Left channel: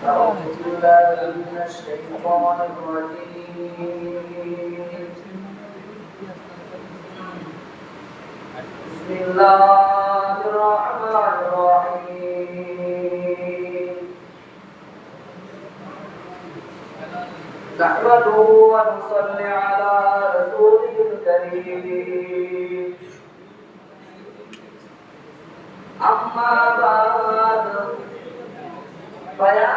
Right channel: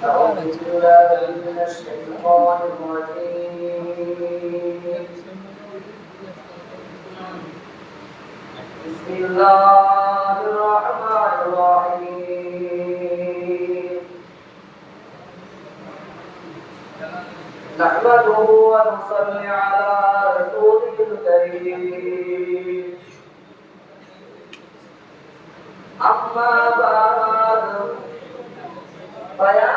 أعوذ بالله من الشيطان الرجيم بسم الله الرحمن الرحيم نحمده ونصلي على رسوله الكريم أما بعد فيا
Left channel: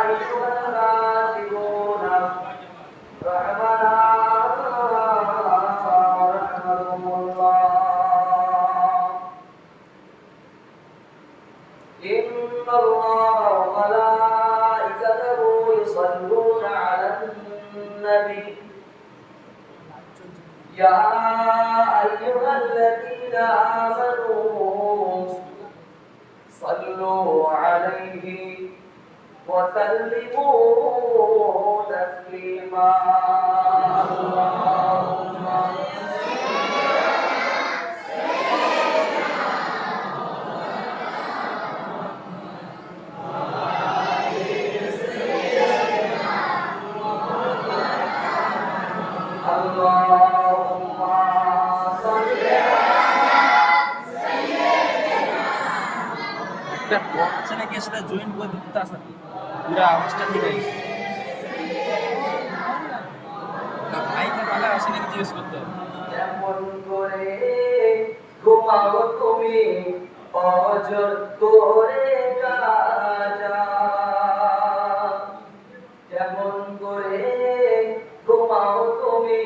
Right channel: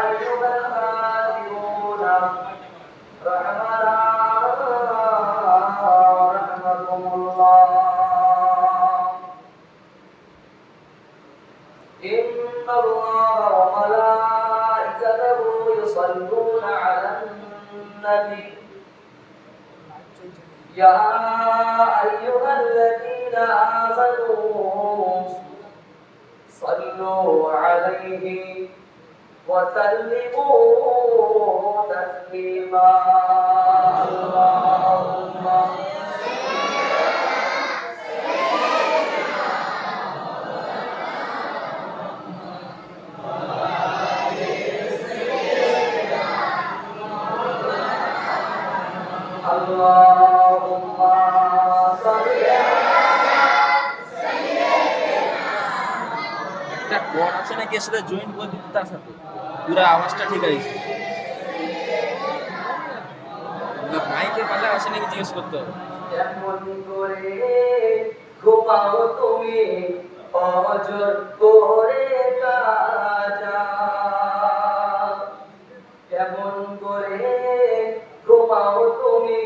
أيها الغافلون رحمكم الله إن الله وملائكته يصلون على النبي يا أيها الذين آمنوا صلوا عليه وسلموا تسليما اللهم অপশনে গিয়ে সেটা জয়েন করে দিতে তার সাথে পুরো আওয়াজটা ঠিক আছে মাইকে পাল্লা আছে নাকি জিজ্ঞেস করতে হবে কেমন করে ঘুমাও তুমি অজর করে কাজা কেমন করে ঘুমাও তুমি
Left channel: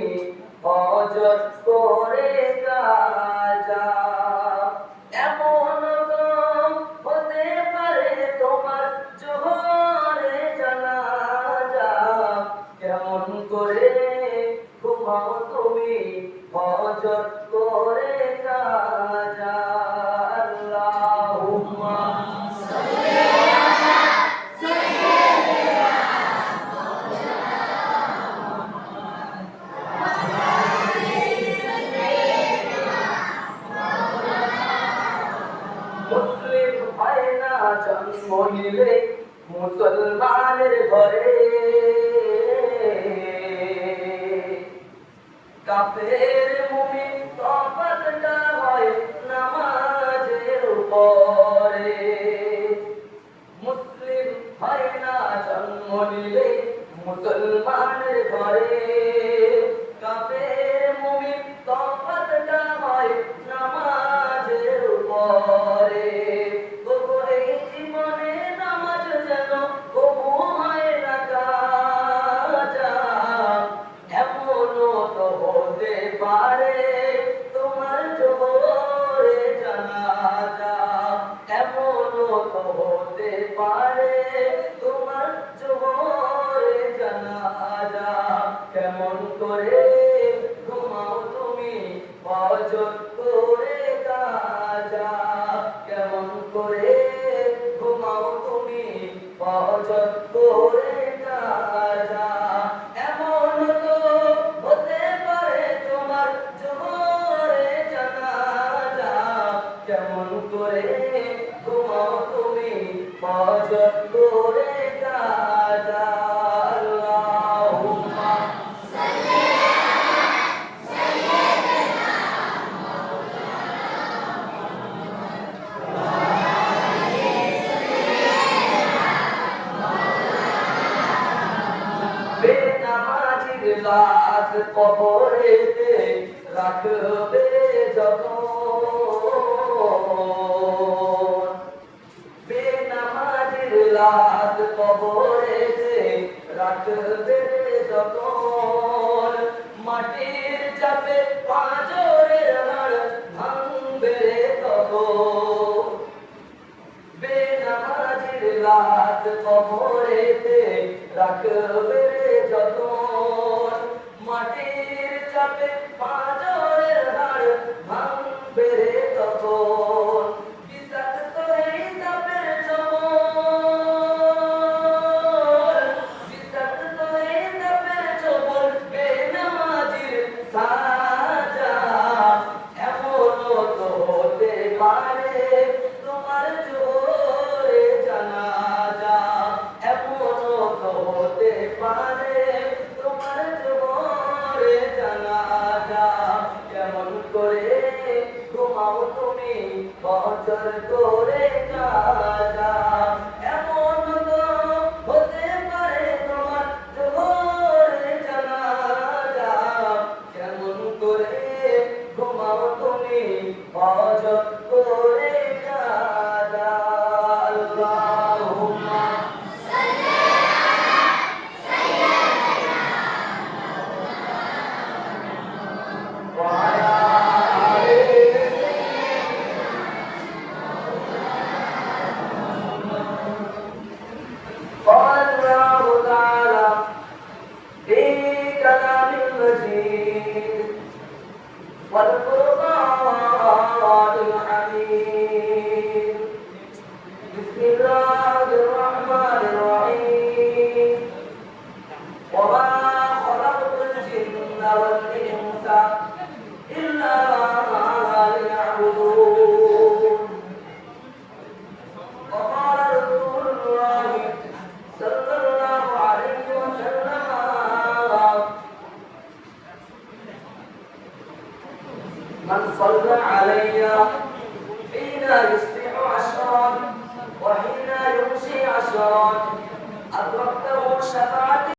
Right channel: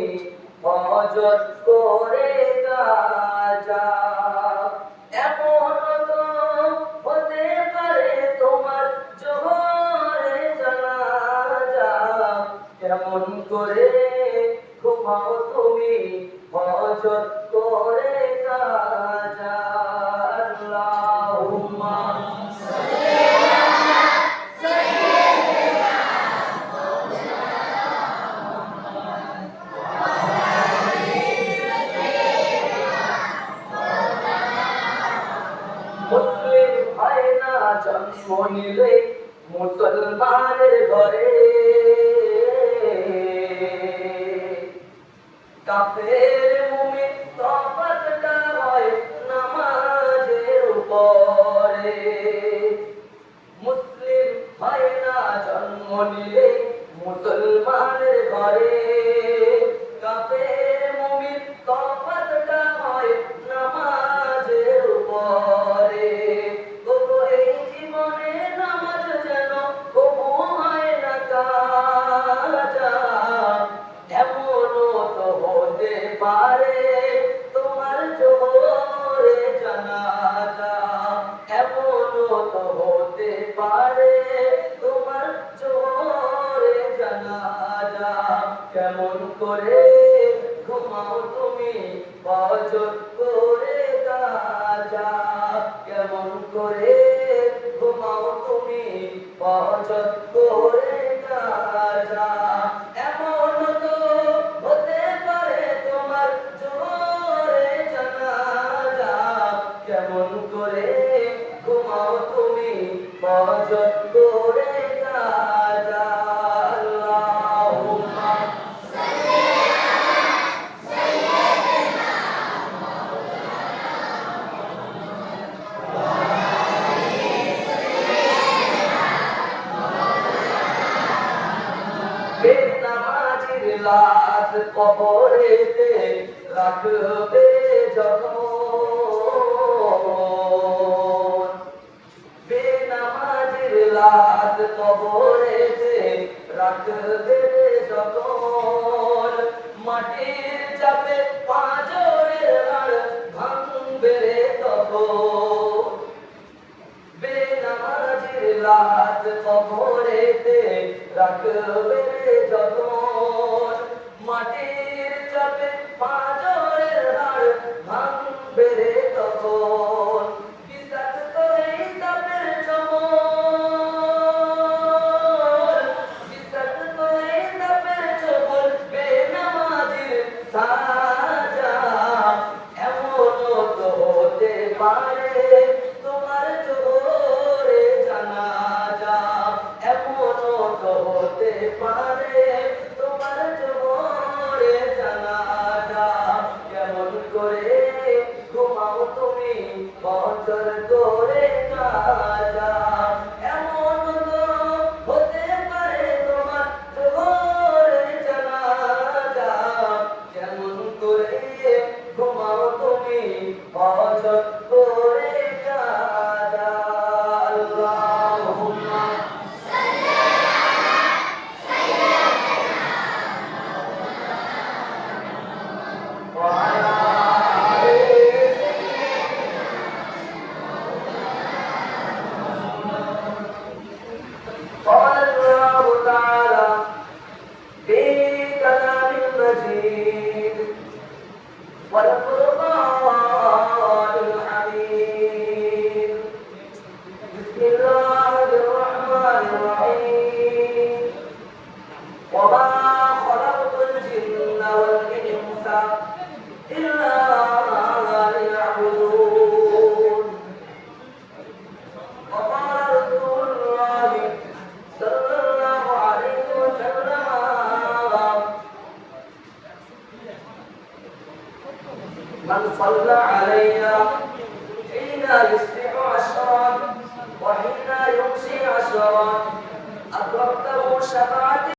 অজর করে কাজা এমন তো হতে পারে তোমার জোহরে জানাজা কেমন করে ঘুমাও তুমি অজর করে কাজা আল্লাহুম্মা মুসলিম হয় না জন্ম নিলে মুসলমানের ঘরে কাফের মুমিন তফাতটা হয় নামাজের উপরে মুসলিম হয় না জন্ম নিলে মুসলমানের ঘরে কাফের মুমিন তফাতটা হয় নামাজের উপরে গোপনে জীবনে নামাজ যেন কবু হয় না কাজা এমনও তো হতে পারে তোমার জোরে জানাজা এমনও তো হতে পারে তোমার জোরে জানাজা কেমন করে ঘুমাও তুমি অজর করে কাজা কেমন করে ঘুমাও তুমি অজর করে কাজা এমন তো হতে পারে তোমার জোরে জানাজা কেমন করে ঘুমাও তুমি অজর করে কাজা আল্লাহুম্মা বেনামাজির লাশ কবরেতে রাখবে যখন বেনামাজির লাশ কবরেতে রাখবে যখন মাটির চাপে পাঁজরের হাড় ভাঙবে তখন বেনামাজির লাশ কবরেতে রাখবে যখন মাটির চাপে পাঁজরের হাড় ভাঙবে তখন বিষাক্ত এই চাপের যখন কদর করে না যায়। এমন তো হতে পারে তোমার জোহরের জানাজা, কেমন করে ঘুমাও তুমি হজত করে কাজা। আল্লাহুম্মা قال الله تعالى في كلام المجيد والفرقان الحميد. بسم الله الرحمن الرحيم. وما خلقت الجن والإنس إلا ليعبدون. وقال رسول الله صلى الله عليه وسلم من صلى علي حين يصبح عشرا وحين يمسي عشرا أدركته شفاعتي